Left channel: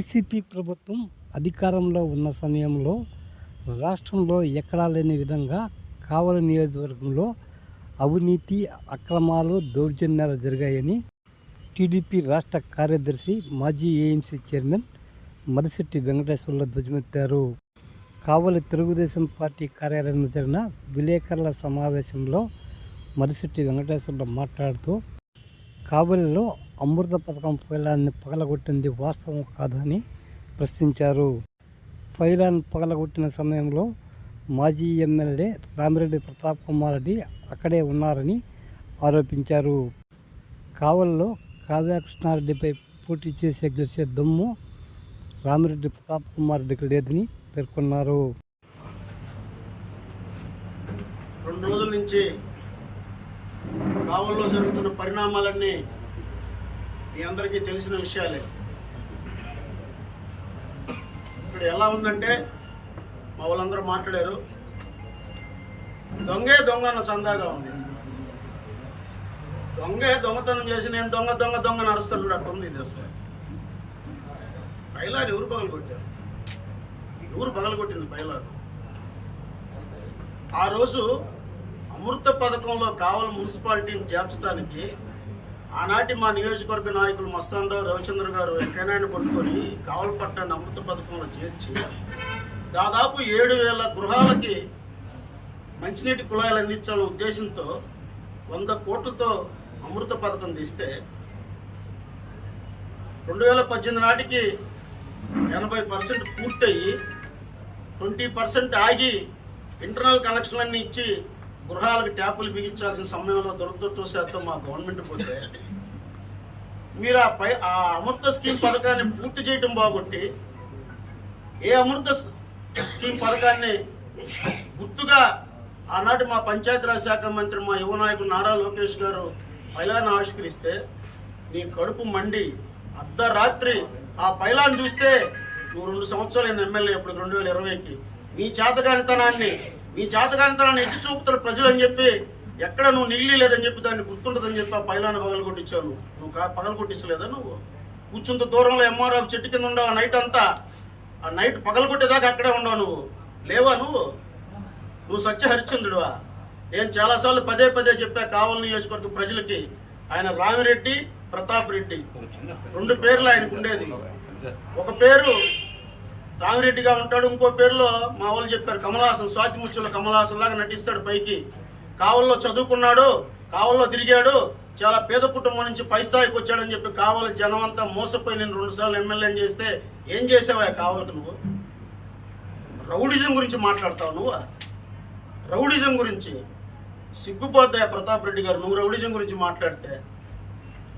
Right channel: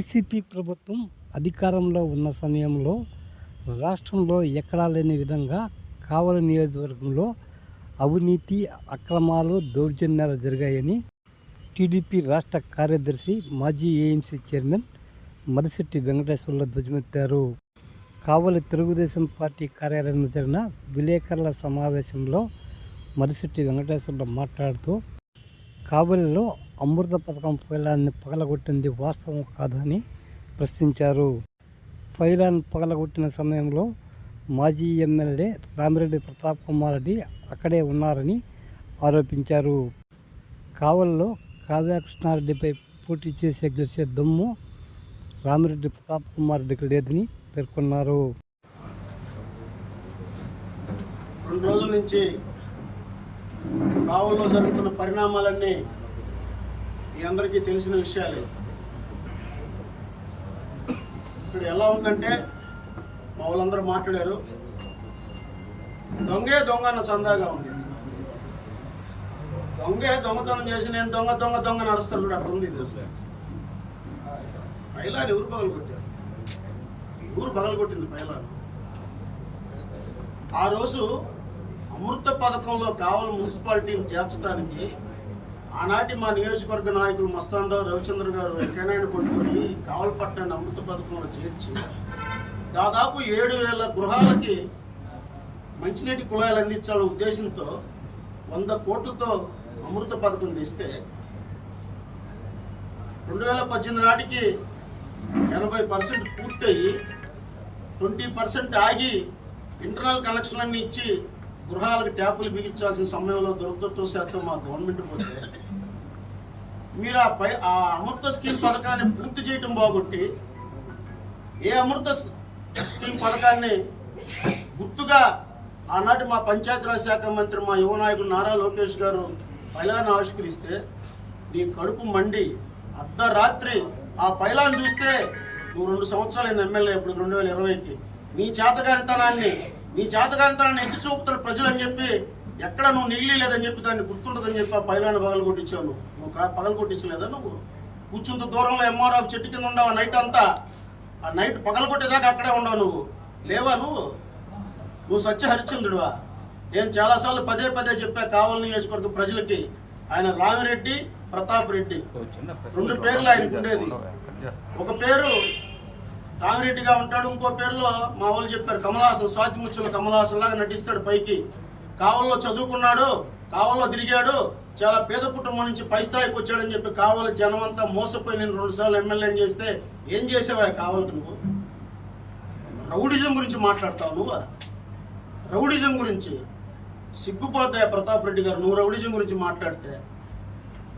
YCP ప్రభుత్వం అధికారంలో ఉన్న సమయంలో రాష్ట్రంలో ఎక్కడా లేని విధంగా కావలి నియోజకవర్గంలో అవినీతి అక్రమాలు దౌర్జన్యాలు జరిగాయని టీడీపీ రాష్ట్ర కార్యదర్శి మాజీ ఏఎంసీ చైర్మన్ మరిశెట్టి వెంకటేశ్వర్ల ధ్వజమెత్తారు. కావలి తెలుగుదేశం పార్టీ కార్యాలయంలో జరిగిన విలేకరుల సమావేశంలో మరిశెట్టి వెంకటేశ్వర్లు మాట్లాడుతూ కావలిలో అమృత పథకం ఫైలాన్ని పగలగొట్టింది వాస్తవం కాదని ప్రశ్నించారు. ఫైలాన్ని పగలగొట్టిన సమయంలో మాజీ ఎమ్మెల్యే రామిరెడ్డి ప్రతాప్ కుమార్ రెడ్డి అక్కడే ఉన్నారని ఆరోపించారు. కావలిలో కావ్యకృష్ణారెడ్డిపై పోటీ చేసే గెలిచే దమ్ము రామిరెడ్డి ప్రతాప్ కుమార్ రెడ్డికి లేదని పేర్కొన్నారు. రెండు రోజుల నుంచి కావల్లో జరుగుతున్న పరిణామాలన్నీ మీ అందరికీ తెలిసిన విషయాలే. ఇక్కడ ఎలా ఉందంటే మా వాళ్ళందరూ మాట్లాడారు. దొంగే దొంగ అన్న చందాగా ఉంది. దొంగే దొంగతనం చేసి నేను దొంగ దొంగ దొంగ నడుస్తాను చూడు అట్లా ఉంది ఇది అసలు. పైలాని ఎవరు పగలు కొట్టారు? ఎవరు పగలు కొట్టింది పైలారు ఆ రోజు అమృత పథకంలో కావలి మున్సిపాలిటీని చేర్చడానికి ఆనాటి మా నియోజకవర్గ నాయకులు మస్తానరావు రవిచంద్ర గారు వెంకయ్యనాయుడు పట్టుకొని కావలపట్టాన్ని అమృత పథకంలో చేర్చి దాదాపు ఏడు వేల గృహాలకి మంచినీటి కుళాయిలు అందించాలనే ఉద్దేశంతో వంద కోట్లతో అమృత పథకం తీస్తే రెండు వేల పద్దెనిమిది నాటికి ఎనభై పర్సెంట్ పూర్తయి ట్వంటీ పర్సెంట్ ఆగి ఇంటర్నల్ కనెక్షన్లన్నీ ఇచ్చి గృహాలకు ట్యాపులు బిగించాల్సిన సమయంలో దురదృష్టవశాత్తు మా గవర్నమెంట్ పోతే మీరు ఆ పై ఆ అమృత స్కీమ్ పథకాన్ని పూర్తి చేయటం బాగొట్టి ఏ అమృత స్కీమ్ పథకాన్ని గుర్తుగా ఆనాటి మా పంచాయతీరాజ్ శాఖ మంత్రి మా యువ నాయకుడు నారా లోకేష్ గారు పైలాన్ని ఆవిష్కరిస్తే నీ కడుపు మండి అర్ధరాత్రి ఆ పైలాన్ని చూస్తే నువ్వు రెండు సంవత్సరాలు ఎమ్మెల్యే ఇప్పుడు రెండు వేల ఇరవైకి. నీ చేతగానితనాన్ని నీ చేతగానితనాన్ని ఎత్తి చూపుతారు ప్రజలు అని చెప్పి ఎక్కడ నువ్వు నీళ్ళు లేదని చెప్పి దాన్ని గుర్తుండదని చెప్పి ఆ పైలాన్ని పగలు కొట్టించావు నువ్వు కా- పగలు కొట్టించలేదా నువ్వు? కూర్చుంత దూరంలో ఎంఆర్ఆఫ్ చెట్టు కింద ఉండవు ఆ నైట్ అంతా. ఆ నైట్ పగలు కొట్టేదాకా అక్కడే ఉండవు నువ్వు. లేవా నువ్వు? నువ్వు సత్య హరిశ్చంద్రుడువా నేను చాలాసార్లు పదే పదే చెప్పా కావలి నియోజకవర్గ ప్రజలకి. ఆయన రామిరెడ్డి ప్రతాప్ రెడ్డి. రెండు పేర్లు ఆయనకు ఉండేది. ఒక పేరు రామిరెడ్డిగా ఉంటాడు. ఇంకో పేరులో మా వాళ్ళు చెప్పారు కమలాసన్ స్వాతి ముచ్చుల కమలాసన్ లాగా నటిస్తాడు పైకి. కావల్లో చదువుకున్నాడు కావల్లో తిరిగాడు చాలా పేద కుటుంబం నుంచి పై స్థాయికి వచ్చాడని చెప్పి కావలి జనం అంతా మోసపోయి నేను రెండుసార్లు ఎమ్మెల్యేని చేస్తే ఏం చేసావా కావలికి నువ్వు? రౌడిజం గురించి మాట్లాడతావు నువ్వు? రౌడిజం గురించి. సిగ్గుపోతాయి ప్రతాప్ రెడ్డి గారు? నువ్వు రౌడిజం గురించి మాట్లాడితే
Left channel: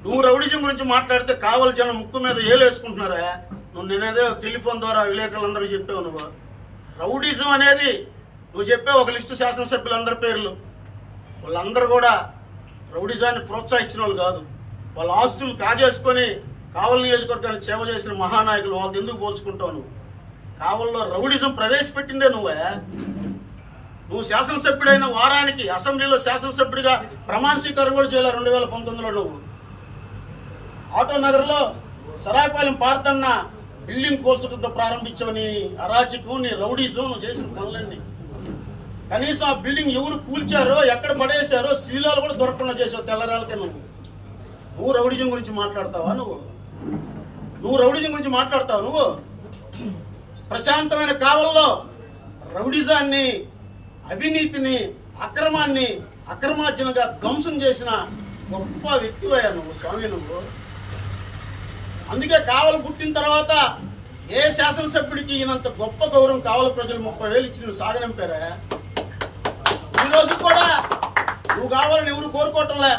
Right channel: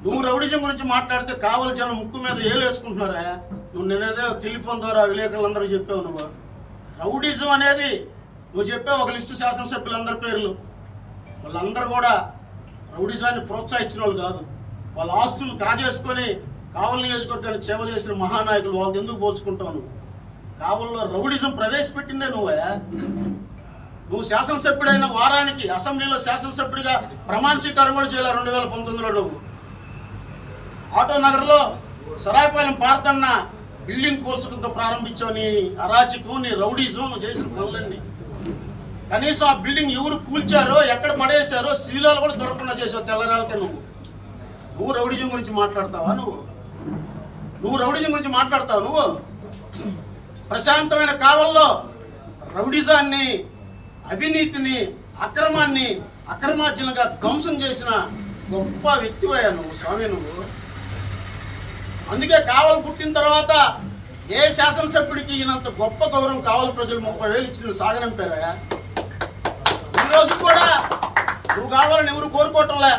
నువ్వు రౌడిజం గురించి మాట్లాడితే కావలి జనం ముక్కు మీద ఏలు వేసుకుంటున్నారా? నువ్వు నేనేదో టెలిఫోన్ ద్వారా విలేకరులందరూ చెప్పావు నువ్వు. రౌడిజం అనేది నువ్వు చెప్పావు ఒక లిస్టు శాసనసభ్యులందరి పేర్లు. వాళ్ళందరూ కూడా రౌడిజాన్ని ప్రోత్సహించిన వాళ్ళు కాదు. వాళ్ళ ఆస్తులు కాజేసుకొని కావలి నియోజకవర్గాన్ని సేవ చేసిన మహానాయకులు వాళ్ళకి ఎందుకు పోల్చుకుంటావు నువ్వు? కావల్లో రౌడిజం ప్రవేశపెట్టిందే నువ్వే. నువ్వు శాసనసభ్యుడైన వారానికి అసెంబ్లీలో శాసనసభ్యుడిగా ప్రమాణ స్వీకారం కూడా చేయాలి రెండు వేల పంతొమ్మిదిలో నువ్వు. ఆటో నగర్లో సరాయపాలెం పార్తన్న బిల్డింగ్ కోల్చడంతో ప్రారంభించావు నీ అరాచకం నీ రౌడీజం నువ్వు చేసిన పనులన్నీ. కనీసం ఆ బిల్డింగ్ ఎవరు కూల్చారో ఎక్కడ పడేశారో శీలాలు కూడా దొరకకుండా చేసావు తెల్లరాలకే నువ్వు. నువ్వు రౌడిజం గురించి మాట్లాడతావా నువ్వు? నువ్వు రౌడిజం గురించి మాట్లాడతావు నువ్వు? ప్రశాంతమైన కాలంలో రౌడిజాన్ని అవినీతిని అక్రమాన్ని అక్రమార్జనగా ధ్వంసం చేసిన గొప్ప వ్యక్తివయ్యా నువ్వు స్వామి నువ్వు. అందుకే కావలి పుట్టిన తర్వాత ఏ శాసనసభ్యుడికి ఈయనంత గొప్ప గౌరవం కావలి ప్రజలు ముప్పై వేలు ఇచ్చిన సాగనంపారా? ఈ రోజు కూడా నువ్వు కావాలని ఎవరు కోరుకోవటంలే.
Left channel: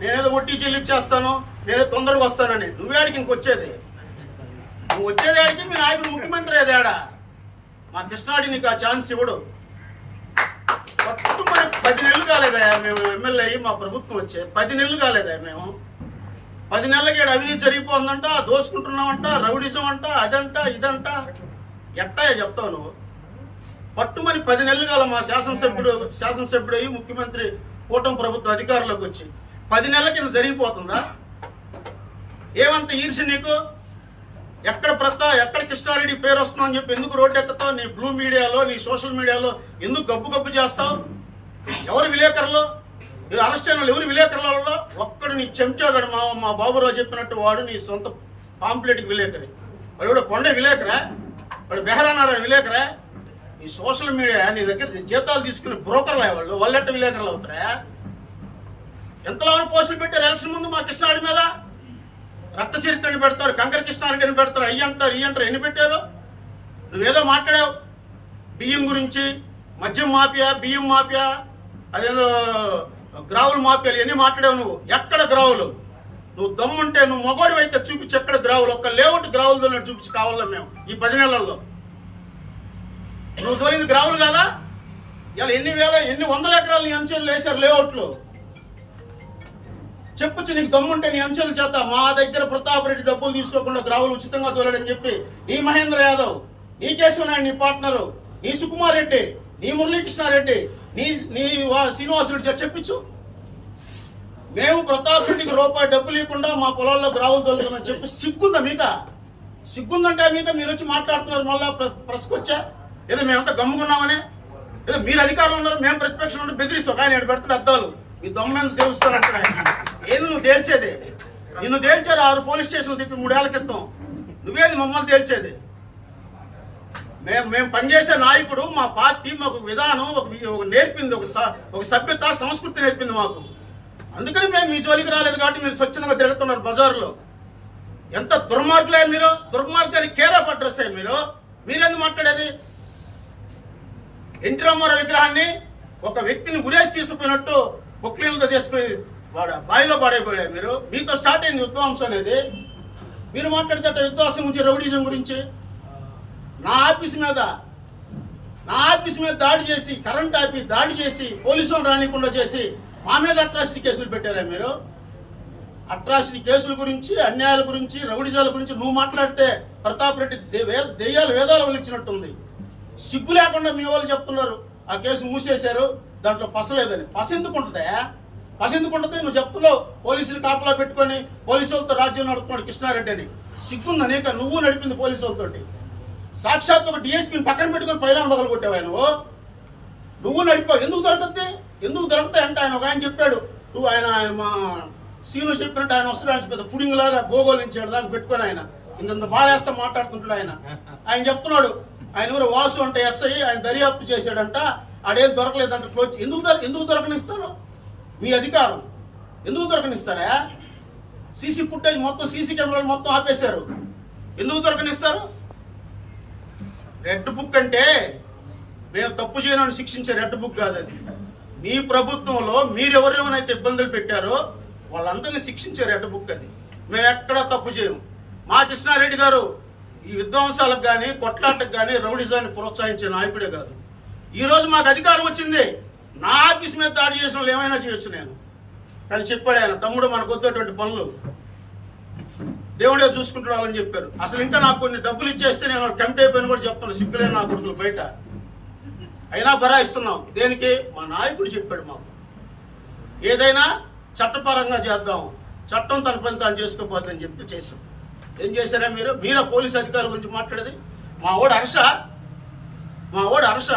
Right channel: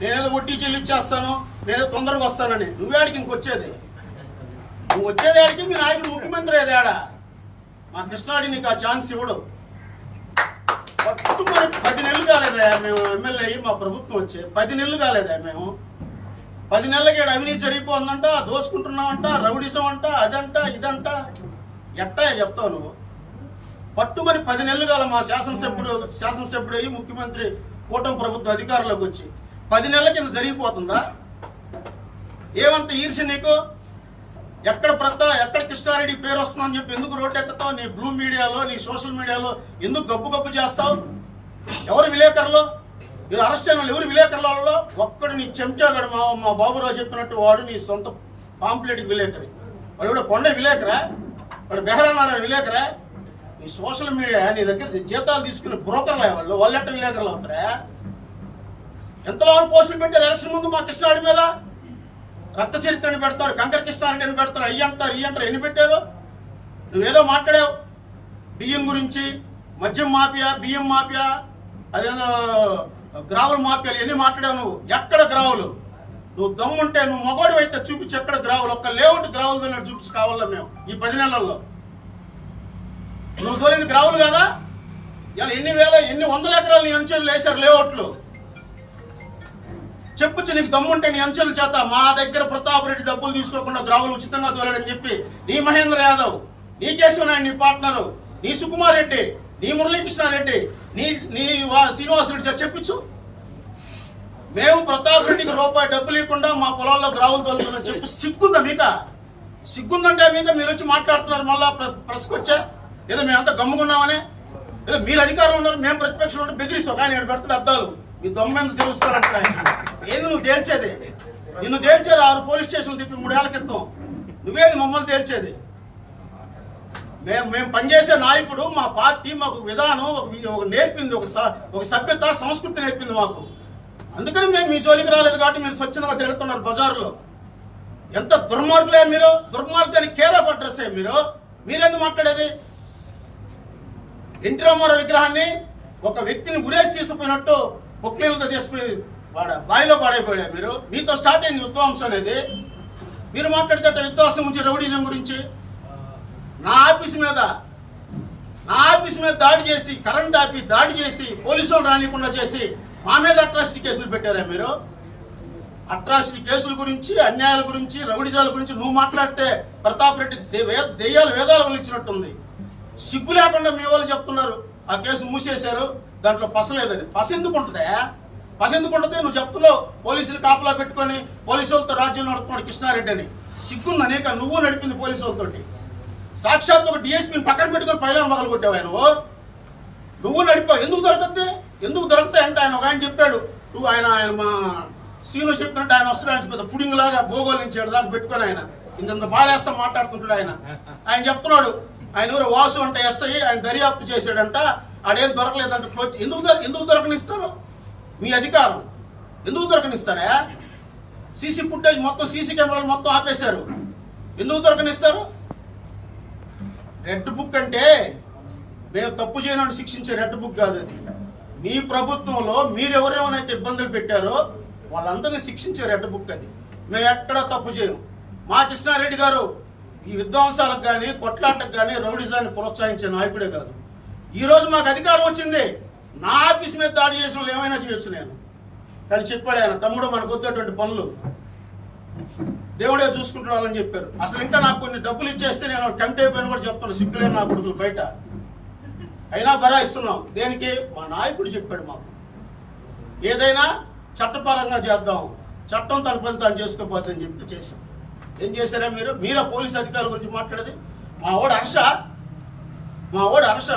నేనేదో వడ్డీ చెల్లించేస్తాను నేనేదో తొందరగా వస్తానని. నువ్వేడికి ఇంకొచ్చేది నువ్వు వచ్చేదాడికి మీ నాయకుడు ముఖ్యమంత్రి ఏదాడా మా కృష్ణాడి నీకు ఆ ఛాన్స్ ఇవ్వడు. పట్టు మరి పది నెలలు కాలేదా మేము ఎమ్మెల్యే మా ప్రభుత్వం వచ్చే పది నెలలు కాలేదా మేము. పది నెలలకి ఈడ అవినీతి జరిగిపోతుందంట దోచుకుంటున్నావంట రౌడిజం అంట అదంట ఇదంట. ఎట్టా చెప్తావు నువ్వు? పట్టుమని పది నెలలు కాల మా శాసనసభ్యుడు శాసనసభ్యుడు అయ్యి ముఖ్యమంత్రి కూటమి ప్రభుత్వ అధికారులకు వచ్చి పది నెలల కింద జరిగిపోతుందా? ఏమంత ఈర్ష నీకు? ఎక్కడ ప్రతా ఎక్కడ కృష్ణారెడ్డి పేరు వస్తుందని చెప్పి ఎందుకు రోడ్డు ఎక్కుతావు నీ బ్లూ మీడియాలో నీ సోషల్ మీడియాలో ఎందుకు గబ్బు గబ్బు చేస్తావు? ఎవరు విలేకరులు? ఇది అరెస్ట్ అయిన వాళ్ళు ఎవరు? విలేకరులలో ఒక్కడు నీ చెంచాగాడు మా మా బాబురావు చెప్పినట్టు వాడు నీ సొంత పాంప్లెట్కి విలేకరి. వాడు కూడా కొండ విలేకరా? వాడు బెహరానారాయణ విలేకరా? నీ సోషల్ మీడియా నీ దగ్గర జీతాలు తీసుకునే బ్రోకర్లు వాళ్ళు వాళ్ళెట్ట విలేకరులు అవుతారా? ఎంతలో పోస్టులు పెట్టారు? ఎలక్షన్ ముందు మా కృష్ణాడి మీద? రక్త చరిత్రని పెడతారు కంకర కృష్ణారెడ్డిని పెడతారు అయ్యి అంటారు ఈ అంటారు ఎన్ని పెట్టారు? నువ్వేదో మాట్లాడావు. బియ్యం గురించి మద్యం మాఫియా బియ్యం మాఫియా అదేదో గ్రావులు మాఫియాలు ఎన్ని మాట్లాడావు నువ్వు? ఎక్కడ గ్రావులు? నువ్వు దమ్ముంటే నువ్వు మగోడు అయితే చూపించి ఎక్కడ గ్రావులు? ఒక్క లేవుంటే గ్రావులు దొరినట్టు చూపించి కావాలా మేము ఈ పది నెలల్లో? నువ్వు దొరికింది గ్రావులు కదా? ఇలా ఎన్ని వేల ఎన్ని వందల ఎకరాలు నీ అంచెలు వేశారు లేఅవుట్లు? చెప్పొచ్చు నీకు దమ్ముంటే నీ అంచెల చేత మా దగ్గర ప్రతాప్ రెడ్డి డబ్బులు తీసుకోకుండా గ్రావులు ఉచితంగా తోలాడని చెప్పి నీ మహేంద్ర యాదవ్ నీ కేశవనాయుడు నీ పార్ట్నరు నీ సుకుమార్ రెడ్డి నీ మురళీకృష్ణారెడ్డి నీ నీ వా- శ్రీనివాస్ చెప్పించు. మేము ప్రతాప్ రెడ్డికి రూపాయి డబ్బులు ఇవ్వకుండా మా పొలాల్లో గ్రావులు తోలుతున్నాం చెప్పి సిగ్గుందా మీక? సిగ్గుందంటే మీద మీరు వచ్చి మాట్లాడుతున్నారు మళ్ళా ప్రెస్కి వచ్చా? ఏదో మేమంతా గమ్ముకున్నామని? ఏదో మీరు అధికారంలో ఉన్నారు మేము ప్రతిపక్షంలో ఉండి బెదిరిస్తాం. కానీ ఇక్కడ పెడుతున్న అద్దాలు. మీ దొమ్మెందు తెలుస్తానంటే ఏంది నువ్వు తేల్చేది? నిన్ను తేల్చేది ఆరు పోలీస్ స్టేషన్లు తిప్పి మూడేళ్ళ క్రితం. నువ్వేది మమ్మల్ని తేల్చేది? మేము మేము పనిచేసే నాయకుడు మా పార్టీ మాకు విధానం ఒక నేర్పింది ఒక ఒక సభ్యత సంస్కృతి నేర్పింది మాకు. అందుకని మేము మీ జోలికి రాలేదు కాబట్టి మీరు స్వచ్ఛందంగా తిరుగుతున్నారు బజార్లో. ఎంత దుర్మార్గులే మీరు దుర్మార్గానికి కేరా పడ్రసే మీరు. మీరెందుకు మాట్లాడేది? ఎన్టీ రామారావు విగ్రహాన్ని ఒక వ్యక్తిని గురేసి తీసుకుపోయినట్టు పొక్లీలతో తీసుకుపోయి వాడ బాయిలో పాడైపోయాడు మీరు. మీతో స్టార్ట్ అయింది విధ్వంసం అనేది. మీరు మాట్లాడితే అట్ట విధ్వంసం గురించి రౌడీజం గురించి. నా ఆఫీస్ మీద నా ఆఫీస్ మీద దాడి చేసి కరెంట్ ఆపి దాడి చేసి పోలీసులు రానికుండా చేసి మా మీద అట్రాసిటీ కేసులు పెట్టారా మీరు? అట్రాసిటీ కేసుల గురించి అన్యాయాల గురించి రౌడిజాల గురించి నువ్వు మాట్లాడితే ప్రతాప్ రెడ్డి దే- వే- దెయ్యాలు వేదాలు వలిచ్చినట్టుంది సిగ్గు లేకుండా మీ వాళ్ళు చెప్తున్నారు. ఆ కేసు మూసేశారు. దాంట్లో పసలేదని పస ఎందుకు ఉంటుందా? పస ఎందుకు ఉంటుంది? నువ్వు చెప్తున్నావు పోలీసులు కాపలా పెట్టుకొని పోలీసులతో రాజ్యం నడుపుతున్నాడు కృష్ణారెడ్డి అని. సిగ్గుంది అనేక నువ్వు నడిపింది పోలీసులతోటి సాక్షాత్ ఒక డిఎస్పీని పక్కన పెట్టుకొని పైన మొదలు కొట్టావు నువ్వు? నువ్వు నడిపావు ఎందుకు దొరకద్ది? ఎందుకు దొరుకుతాయి అంటే ఆయన ఒక ఆయన చెప్పాడు. నువ్వు ఆయన ఆయన మా సీను చెప్పినట్టు ఆయన వస్తున్నాడు పెద్ద పుడింగ్ లాగా భూగోళ నుంచి దాకా పెట్టుకొని ఆయన. ఇంత బాధేస్తా మాట్లాడుతుంటాడు ఆయన. ఆయన చెప్తున్నాడు. ఆయన ఊరు వాసు అంటే ఎస్ఐ ఆయన దర్యాప్తు చేశాడంట. ఆడేం దొరకలేదంట. క్లోజ్ ఎందుకు దొర ఎందుకు దొరకనిస్తారు? మీ అధికారం. ఎందుకు దొరకనిస్తారా? సీసీ ఫుటేజ్ మొత్తం సీసీ కెమెరాలు మొత్తం ఆపేశారు. ఎందుకు దొరకనిస్తారు? రెడ్ బుక్ అంటే మేము తప్పు చేయనని శిక్షించే రెడ్ బుక్ కాదు అది. మీ ప్రభుత్వంలో మీరు ఇబ్బందులు పెట్టారో వాళ్ళందరినీ శిక్షించే రెడ్ బుక్ అది. మేము ఎక్కడా తప్పు చేయము. మా కృష్ణారెడ్డి గారు ఈ విధ్వంసాలకు కానీ కొట్లాటకు కానీ రౌడిజాన్ని ప్రోత్సహించే నాయకుడే కాదు. ఈరోజు మాకు అధికారం వచ్చింది. నా ఆఫీస్ మీద దాడి చేసిన వాళ్ళు ఏమైనా చేయొచ్చు నేను. కానీ చెప్పాడు ఆయన తమ్ముడు మనకు వద్దటువంటి పనులు. దేవుడే చూసుకుంటాడని చెప్పారు. అసలు ఇంకా నాకు కొన్ని డబ్బులు ఇచ్చేస్తే నేను కమిటీ అయిపోయిన కూడా చెప్తాను సిగ్గులేని నా కొడుకులు బయట. అయినా బరాయిస్తున్నాం దేనికి? మా నాయకుడు చెప్పాడు మాకు. ఏదైనా చట్టపరంగా చేద్దాం. చట్టం తన పని తాను అని చెప్పి చేశాం. ఏం చేశారా మీరు? మీరా పోలీస్ అధికారుల గురించి మాట్లాడేది. మా ఓడు హర్ష మా ఓడు హర్ష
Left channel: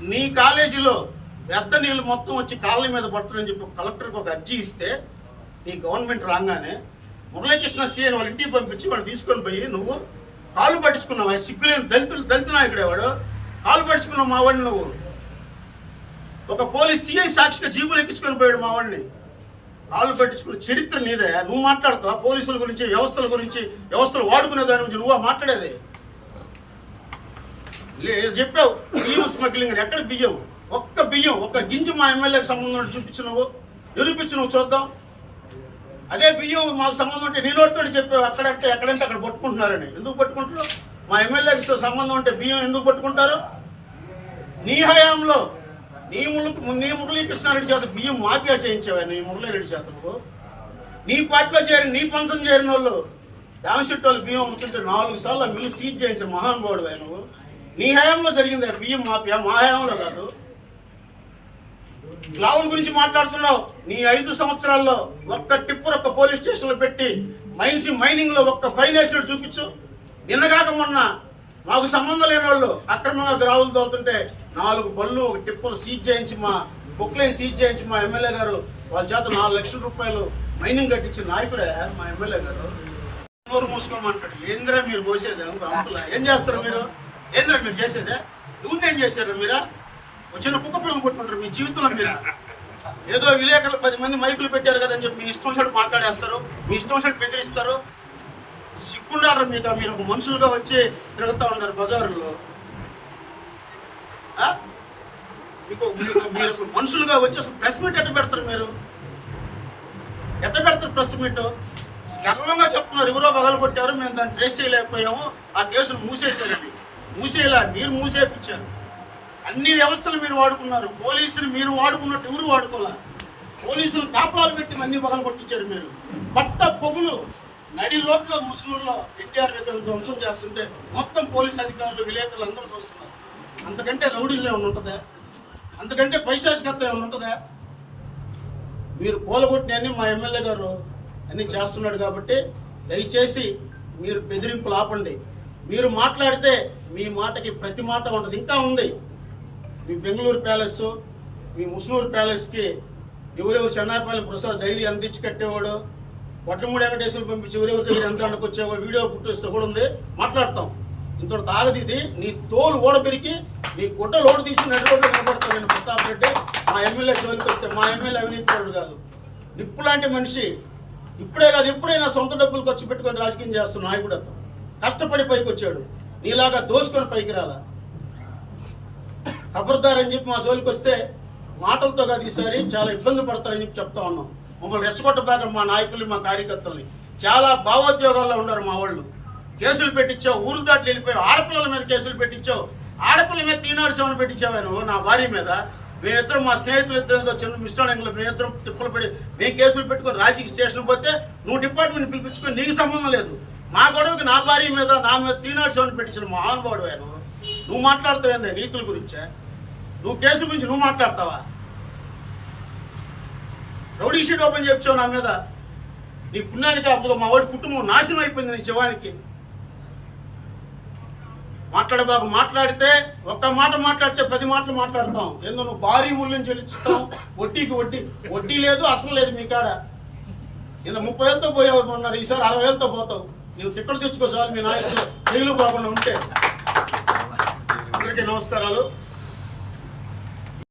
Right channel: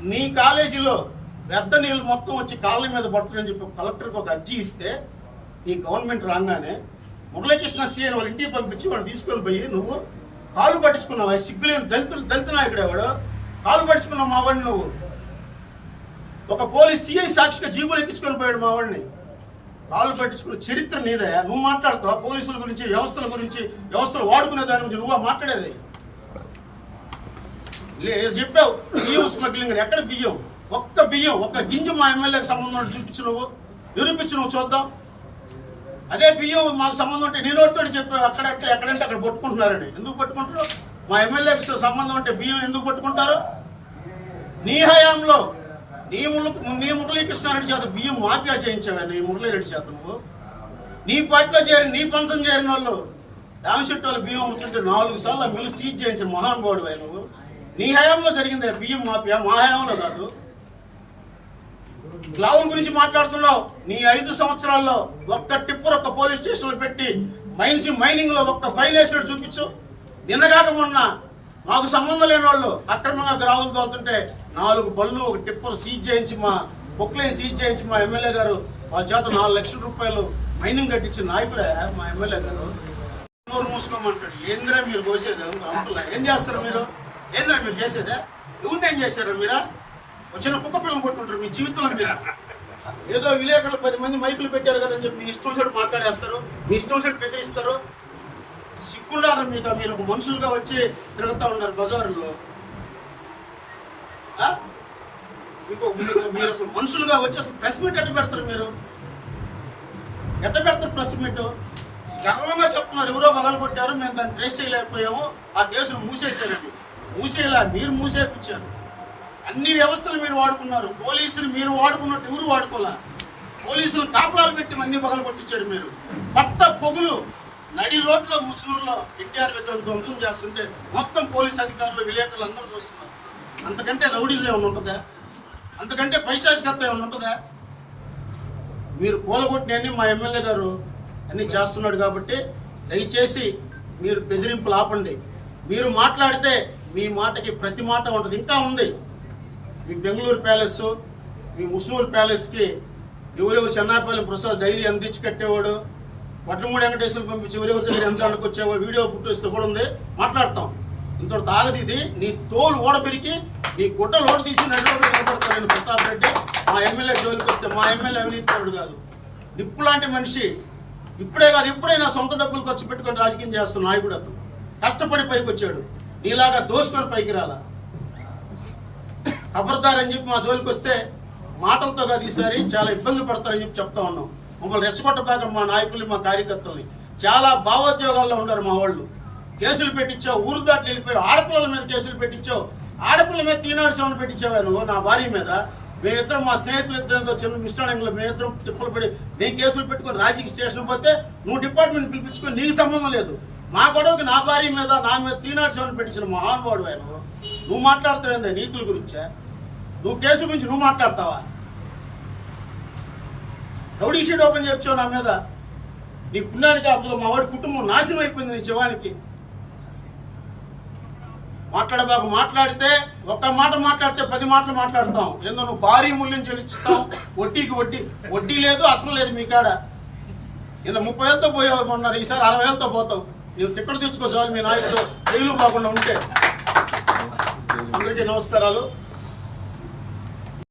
నీ కాలేజీలో వ్యర్థ నీళ్ళు మొత్తం వచ్చి కాళ్ళ మీద పడుతుందని చెప్పి కలెక్టర్కి ఒక అర్జీ ఇస్తే నీ గవర్నమెంట్ రాగానే మురళీకృష్ణ సీఎన్ వాళ్ళ ఇంటికి పంపించి వాళ్ళు తీసుకొని పోయి నువ్వు కాలు పట్టించుకున్నావు? సిగ్గులేని దళితులు దళిత నాయకుడు వాడు కాలు పట్టించుకున్నావు మావాడిని నువ్వు. ఒక పోలీస్ సిఐ సాక్షిగా జీబులు ఎక్కించుకొని పోయాడు మావాడిని కాళ్ళు పట్టించుకున్న చరిత్ర నీదే. నువ్వు మాట్లాడుతావు? పోలీసుల గురించి వ్యవస్థల గురించి వ్యవస్థలు వాడుకునే దాని గురించి నువ్వు మాట్లాడేది? లేదు చెప్పావు. బియ్యం స్మగ్లింగ్ అని. ఎక్కడ బియ్యం? ఒక్క బియ్యం ఒక్క గింజ మా ఎమ్మెల్యేకి సంబంధం ఉంటే చూపించు నువ్వు. నిరూపించు నువ్వు చూద్దాం. అదే బియ్యం మాకు సంబంధం ఉంటే నేను తోటి చెప్పావు అక్కడంటే ఎక్కడంటే అక్కడ పట్టుకుంటున్నారని. ఎందుకు పట్టుకుంటారు మా ఎమ్మెల్యేకి సంబంధం ఉంటే బియ్యం ఎందుకు పట్టుకుంటారు? నీ హయాంలో నీ ముళ్ళు నీ మురళీకృష్ణారెడ్డి చేత బియ్యం మాఫియా చేయించావా నీ మురళీరెడ్డి చేత నువ్వు. నీ పార్టీలో చేరి నీ పంచం చేరిన వాళ్ళు దామశెట్టి వాళ్ళు బియ్యం అమ్ముతుంటే నాలుగు సార్లు మిల్లు సీజ్ చేయించిన మహానుభావుడు నువ్వు. నీ హయాంలో జరిగింది బియ్యం మాఫియా మా హయాంలో కాదు. క్లౌన్ గురించి మాట్లాడుతున్నావు. నీ ఐదు సంవత్సరాల్లో ఒక్క టిప్పర్ ఒక్క పోలీస్ స్టేషన్లో పెట్టి మైన్స్ మైనింగ్లో ఒక్క ఫైన్ వేసినట్టు చూపించు. నిన్నగాక మొన్న మాకు సంబంధం లేని వాళ్ళు అక్రమంగా గ్రావులు తోలుతుంటే నాలుగు బళ్ళు ఒక టిప్పలు సీజ్ చేయించి మా బుక్లైన్ సీజ్ చేయించి మా ఎమ్మెల్యే గారు వాళ్ళ చేత నాలుగు లక్షల రూపాయలు మైనింగ్ కట్టించిన నాయకుడే మా ఎమ్మెల్యే గారు. నోరు మూసుకోమంటాడు. ఏంద్రా మీరు పోసేదే అంతలా ఏం చేస్తారు మీరు? ఏంద్రా మీరు చేసేదే? ఎవరిని ఏం చేశారు మీరా? వచ్చిన కుక్క పిల్లలు కొట్టుకుంటారు మీ జీవితంలో మీరు. ఏదో విలేకరులు పది మంది మైకులు పెట్టారు కదా అని చెప్పి మీ ఇష్టం వచ్చినట్టు మాట్లాడేస్తారు మీ ఇష్టం వచ్చినట్టు బెదిరిస్తారు. సిగ్గుండారు మీకు? మీరు ఒక మనుషులుగా వచ్చి తిరుగుతూ ఉన్నారు బజారులో. మీకు మీరు అసలు మనుషులుగా వచ్చి అసలు ప్రెస్ మీట్ ఎట్ట పెడతారు మీరు? ఎట్ట పెడతారు ప్రెస్ మీట్? గర్వంగా చెప్తున్నారు ఎవరో పగలు కొట్టారు మేము దాన్ని ట్రేస్ చేయలేకపోయాము ఆ కేసును మూసేశారండి మూసేలా మీరు మూసేపించారు. అన్ని వ్యవస్థలు మీరు వాడుకున్నారు. పోలీసులు మీరు వాడుకున్నట్టు ఎవరు వాడుకోలే? పోలీసులు కాపలాలు పెట్టి అన్ని పగలు కొట్టించారు మీరు. పట్ట పొగులు నడి రోడ్లో ముస్లింలో ఎన్టీఆర్ విగ్రహం ధ్వంసం చేస్తుంటే మొత్తం పోలీస్ అధికారులు విలేకరులు అందరూ చూస్తున్నారు. అంతకంటే రౌడీజం ఏమైనా ఉంటుందా? అంతకంటే పైశాచికత్వం ఏమైనా ఉంటుందా? మీరు కూలగొట్టినవన్నీ మా ఎమ్మెల్యే గారు అన్ని చేస్తున్నాడు కాబట్టి దయచేసి మీరు బెదిరింపులు ఆపండి. మీరు మాట్లాడితే మీ మాటకి ప్రతి మాట ఉంటుంది. ఇంకా ఉంది. మీ బెంగళూరు ప్యాలెస్ మీ ముస్నూరు ప్యాలెస్కి ఎవరెవరు చెన్నాపల్లి ప్రసాద్ డైలీ ఎంత ఇచ్చి కట్టేవాడు వడ్లమూడి వెంకటేశ్వరం పంపించి ఎవరెవరి దగ్గర ఎంత అండకొచ్చావో వీడియో పుట్టిస్తే కూడా ఉంది. మాట్లాడతాం. ఇంత తాగది ఇది. నీ తోలు ఓడబెరికి నీ గుడ్డ లోటు తీసి నడి కనపడతాను నేను ప్రతాప్ రెడ్డి. మా ఎమ్మెల్యే జోలికి వస్తే మా ఎమ్మెల్యే అవినీతిపరుడు కాదు. నిప్పు లాంటి మనిషి ఇప్పుడే కాదు ఎప్పుడైనా సొంత డబ్బులు ఖర్చు పెట్టుకొని రాజకీయం చేస్తున్న నాయకుడు అతను. కష్టపడి పైకి వచ్చాడు. నీలాగా దోసుకొని పైకి రాలా. ఖబర్దార్ అని చెప్పి మా జోలికి వస్తే మాటలతో కాదు ఈసారి చాలా ఇబ్బంది పడతారని చెప్పి చెప్తా ఉన్నాం. మమ్మల్ని రెచ్చగొట్టబాక మా నాయకుల్ని మా కార్యకర్తల్ని. చాలా భావోద్యోగాల్లో ఉన్నారు మా వాళ్ళు. కేసులు పెట్టించావు ఊరు దాటి వెళ్ళిపోయావు ఆడపిల్లల మీద కేసులు పెట్టించావు ఆడపిల్ల మీద తీనాడు సెవెన్ పెట్టించావా నువ్వు? నా భార్య మీద. మేమిద్దరం మా స్నేహితులు ఇద్దరు చిన్న మిశ్రణంలో మేమిద్దరం తిప్పలు పడి మేము కేసులు పెట్టుకొని రాజకీయ స్టేషన్ పోతే నువ్వు డిపార్ట్మెంట్ పిలిపించుకొని నీకు సంబంధం లేదు. మా గొడవకి నా భార్య మీద నా మీద త్రీ నాట్ సెవెన్ పెట్టించిన మహానుభావుడు ఆయన. నువ్వు మాట్లాడుతావు నీతుల గురించే? నువ్వు కేసు గురించి నువ్వు మాట్లాడతావా? రౌడీ షీట్ ఓపెన్ చెప్పావు నా మీద. నీ పుణ్యానికి అప్పుడు మా వాడి కుటుంబం నాశనం అయిపోయింది నీ శివానికి. మాట్లాడబాకు మాట్లాడితే ఒక్క మాట మాట్లాడితే పది మాటలు మాట్లాడతాం. ఏందో నువ్వు భారీ మూల్యం చెల్లిస్తాం వడ్డీకి వడ్డీ వడ్డీ లేదు అసలు లేదు మీ కాడ. ఇంత ముప్పై వేలతో పోయావు మొన్న ఈసారి అరవై వేలతో పోతావు. నువ్వు తిక్కలు తెచ్చుకో మీ నాయకుడు జైలు పోకుండా ఉంటే. అందరికీ నమస్కారాలు.